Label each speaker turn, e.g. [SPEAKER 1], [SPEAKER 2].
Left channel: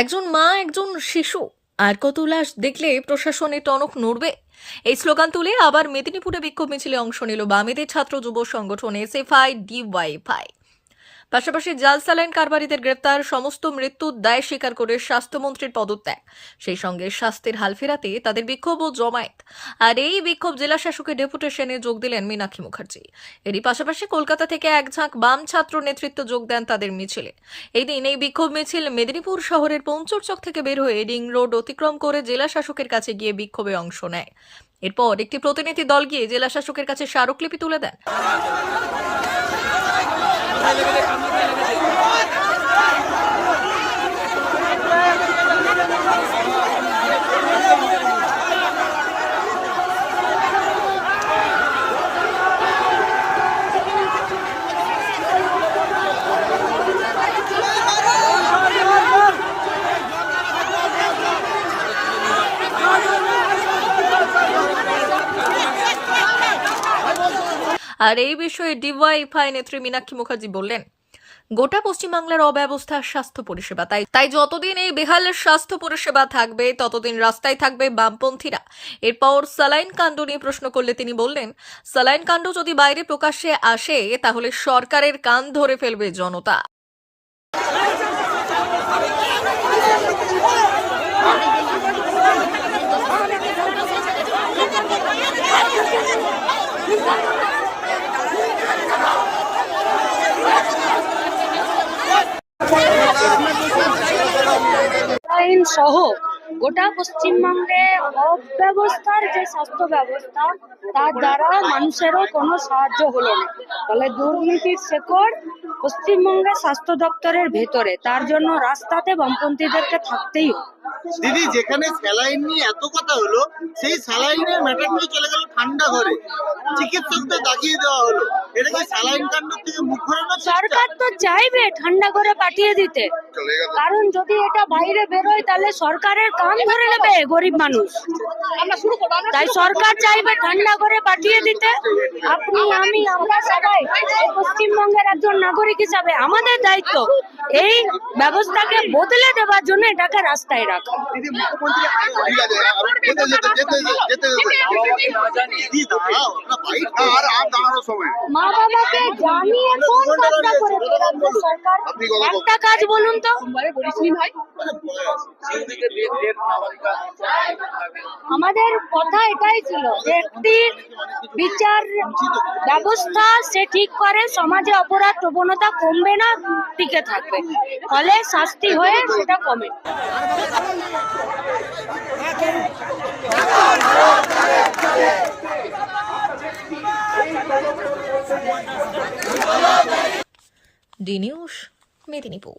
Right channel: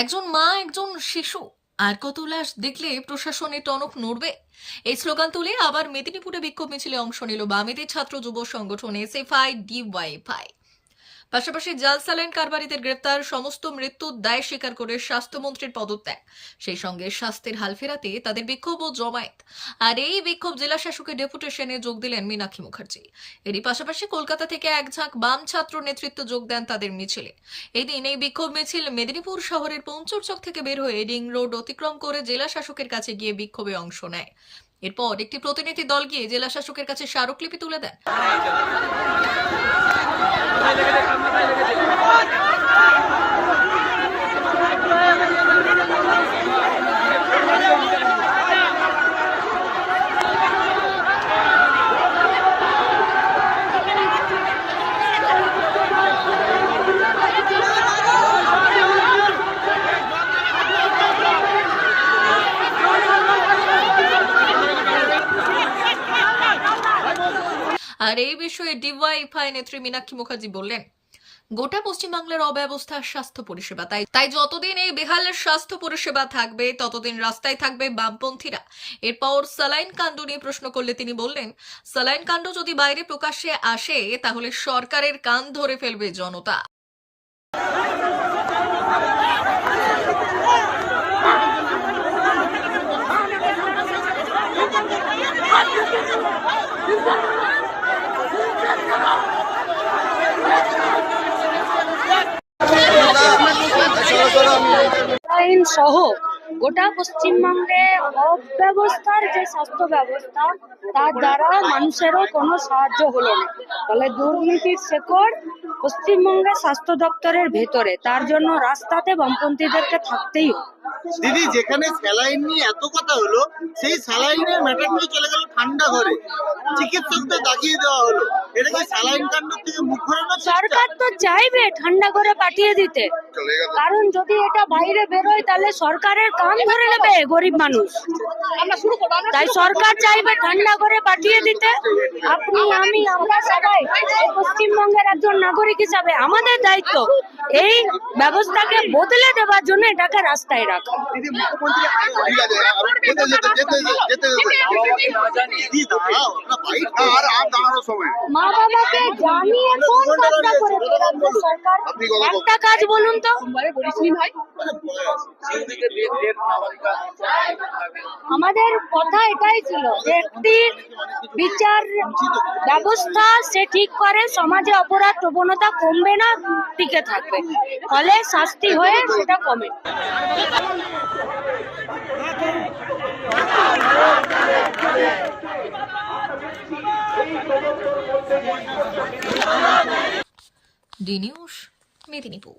[SPEAKER 1] একজন মা, একজন শিশু। আর কত লাশ দেখলে প্রশাসনে টনক নড়বে। এই স্লোগান তুলে আবার মেদিনীপুরে বিক্ষোভ মিছিলে অংশ নিল বামেদের ছাত্র যুব সংগঠন এসএফআই, ডিওয়াইফাই। পাশাপাশি জাল স্যালাইন কারবারিদের গ্রেপ্তার, সমস্ত মৃত্যুর দায় স্বীকার করে স্বাস্থ্যমন্ত্রীর পদত্যাগ। সেই সঙ্গে স্বাস্থ্যের হাল ফেরাতে তাদের বিক্ষোভ ও জমায়েত। আর এই বিক্ষোভ জেলা শাসকের ডেপুটেশনে যোগ দিলেন মীনাক্ষী মুখার্জি। এরই পাশাপাশি কলকাতা থেকে এক ঝাঁক বাম ছাত্র নেতৃত্ব যোগ দেন তাদের মিছিলে। এই দিন এই বিক্ষোভ মিছিল মেদিনীপুর শহরের পঞ্চরচক থেকে বের হয়ে রিং রোড অতিক্রম করে জেলা শাসকের কাছে গিয়ে বিক্ষোভে অংশ নেয়। এরপর একটি প্রতিনিধি দল গিয়ে জেলা শাসকের কাছে স্মারকলিপি তুলে দেন। কোথায় লেগেছে আর এই বিষয়ে ডিওয়াইফাই নেত্রী মীনাক্ষী মুখার্জি বললেন, গোটা পশ্চিমবাংলার অব্যবস্থা স্বাস্থ্য পরিষেবা, তাই তাই যতদিন এই বেহাল স্বাস্থ্য পরিষেবা থাকবে, ততদিন রাস্তায় থাকবে বামপন্থীরা। এরপর সালাইন কাণ্ড নিয়ে প্রশ্ন করলে তিনি বললেন, সালাইন কাণ্ড যদি বাইরে প্রকাশ্যে আসে, তাহলে সরকারের কান ধরে ফেলবে জনতা।
[SPEAKER 2] আইন সহ গোটা পশ্চিমবঙ্গে অব্যবস্থার যে স্বাস্থ্য ব্যবস্থা, তার দ্বারা মানুষেরও কোনো সাহায্য হলো না। ফলে দুর্নীতির শেকড় পশ্চিমবঙ্গের স্বাস্থ্য দপ্তরের ভেতরে। তার জন্য রাস্তাতে বামপন্থীদেরকে থাকতেই
[SPEAKER 3] দিদি যেখানে স্যালাইন নিয়ে এত কথা হলো সেই স্যালাইনের ম্যাটার নিয়ে চলে গেল ঠান্ডা ঘরে। চিকিৎসকদের দাগিয়ে দেওয়া হলো। এটা কি স্যালাইন কাণ্ড থেকে মুখ চেষ্টা?
[SPEAKER 2] সরকার তো চাইবে ঠান্ডা করে পাঠিয়ে দিতে। কারণ যদি এটা বাইরে বেরোয় তাহলে সরকারের কাম ধরে নেবে গরিব মানুষ। তাই সরকার চাইবে ঠান্ডা করে পাঠিয়ে দিতে। আপনি আমি আমরা সবাই পশ্চিমবঙ্গের একজন নাগরিক হিসাবে আমাদের দায়িত্ব। এই ব্যবস্থাকে বদলে দেওয়ার জন্য এটাকে রাস্তায় রাখা। মা বাবাকে জানিয়ে কোন করে সরকার। একটা কাজ বলুন তো। আমাদের কথা এটাই ছিল যে একটি বিচার ব্যবস্থা সে ঠিক করে সমাজে অপরাধ প্রবণতা কমবে না টিকে থাকবে। ফলে শাস্তি হয়ে সেটা কমে।
[SPEAKER 1] D news Medinipur.